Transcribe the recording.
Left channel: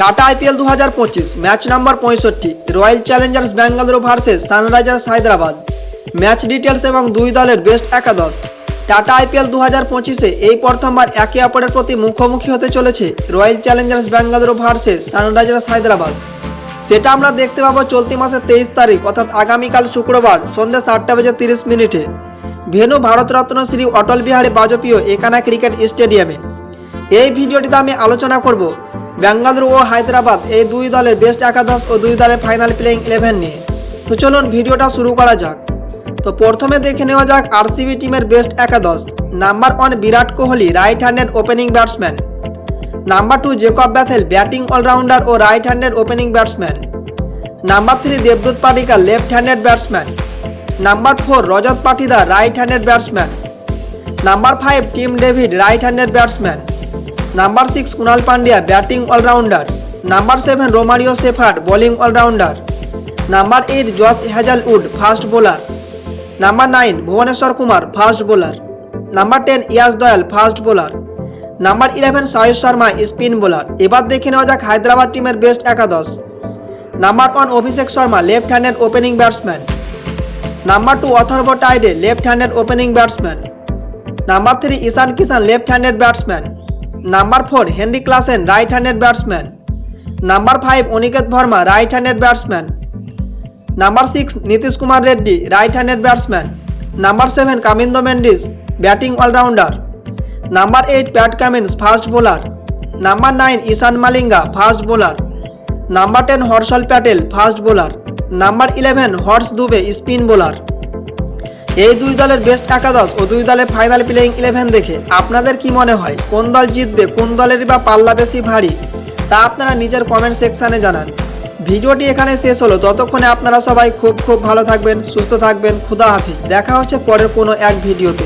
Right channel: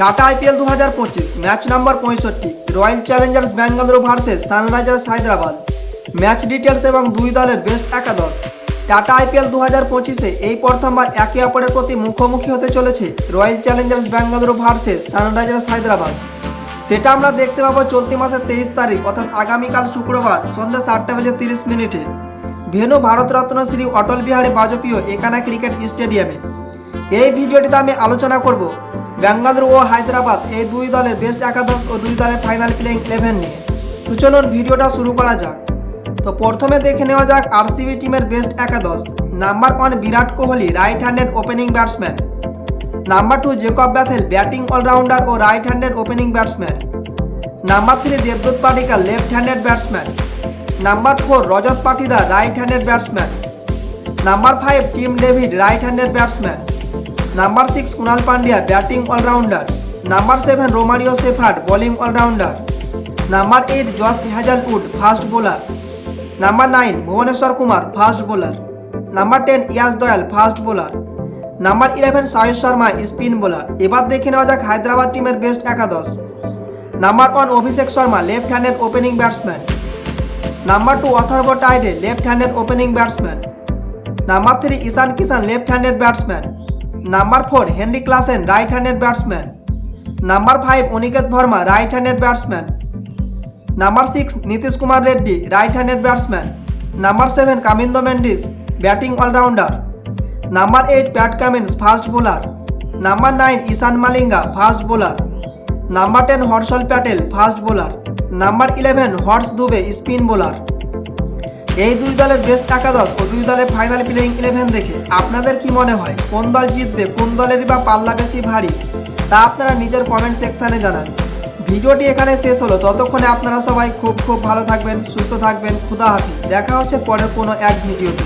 Tata IPL দু হাজার পঁচিশ, ম্যাচ নাম্বার পঁয়ষট্টি, Royal Challengers Bengaluru versus Sunrisers Hyderabad. Match details এবং দুই দলের বেস্ট একাদশ। টাটা আইপিএল দু হাজার পঁচিশে এই প্রথমবার একে অপরের প্রতি মুখোমুখি হতে চলেছে Royal Challengers Bengaluru versus Sunrisers Hyderabad. সেটা আমরা দেখতে পাবো চলতি মাসের তেইশ তারিখ, অর্থাৎ আগামীকাল শুক্রবার সন্ধ্যে সাতটা বেজে তিরিশ মিনিটে। ভেনু ভারতরত্ন শ্রী অটল বিহারী বাজপেয়ী একানা ক্রিকেট স্টেডিয়ামে। এই ভিডিওটিতে আমি আলোচনা করব বেঙ্গালুরু ও হায়দ্রাবাদ এই দুই দলের বেস্ট একাদশ ও দুই দলের ফাইনাল প্লেইং ইলেভেন নিয়ে। তো চলুন ভিডিওটা শুরু করা যাক। তো প্রথমে দেখে নেওয়া যাক আরসিবি টিমের বেস্ট একাদশ। Number one Virat Kohli right handed opening batsman number two Jacob Bethell batting allrounder ও right handed opening batsman number three দেবদূত Padikkal left handed batsman number four Rajat Patidar right handed batsman number five Tim David right handed batsman number six Krunal Pandya batting allrounder number seven Romario Shepherd bowling allrounder number eight Josh Hazlewood fast bowler number nine Bhuvneshwar Kumar fast bowler number ten Yash Dayal fast bowler number eleven Suyash Sharma spin bowler এবার দেখে নেওয়া যাক হায়দ্রাবাদ টিমের best একাদশ। Number one Abhishek Sharma left handed opening batsman number two Atharva Taide left handed opening batsman number three Ishan Kishan left handed batsman number four, Heinrich Klaasen right handed batsman number five, Aniket Verma right handed batsman number six, Nitish Kumar Reddy right handed batsman number seven, Kamindu Mendis batting allrounder number eight, Pat Cummins fast bowler number nine, Eshan Malinga fast bowler number ten, Harshal Patel fast bowler number eleven, Harsh Dubey spin bowler এই দুই দলের best একাদশ ও দুই দলের final playing eleven দেখে আপনাদের কি মনে হয়? কোন দল জিতবে? কোন দলেরই বা পাল্লা বেশি ভারী? তা আপনারা নিজের কমেন্ট সেকশানে জানান। ভিডিওটি এখানে শেষ হলো। ততক্ষণে আপনারা সবাই খুব খুব ভালো থাকবেন, সুস্থ থাকবেন। খুদা হাফিজ। দেখা হচ্ছে পরের কোনো এক ভিডিওতে।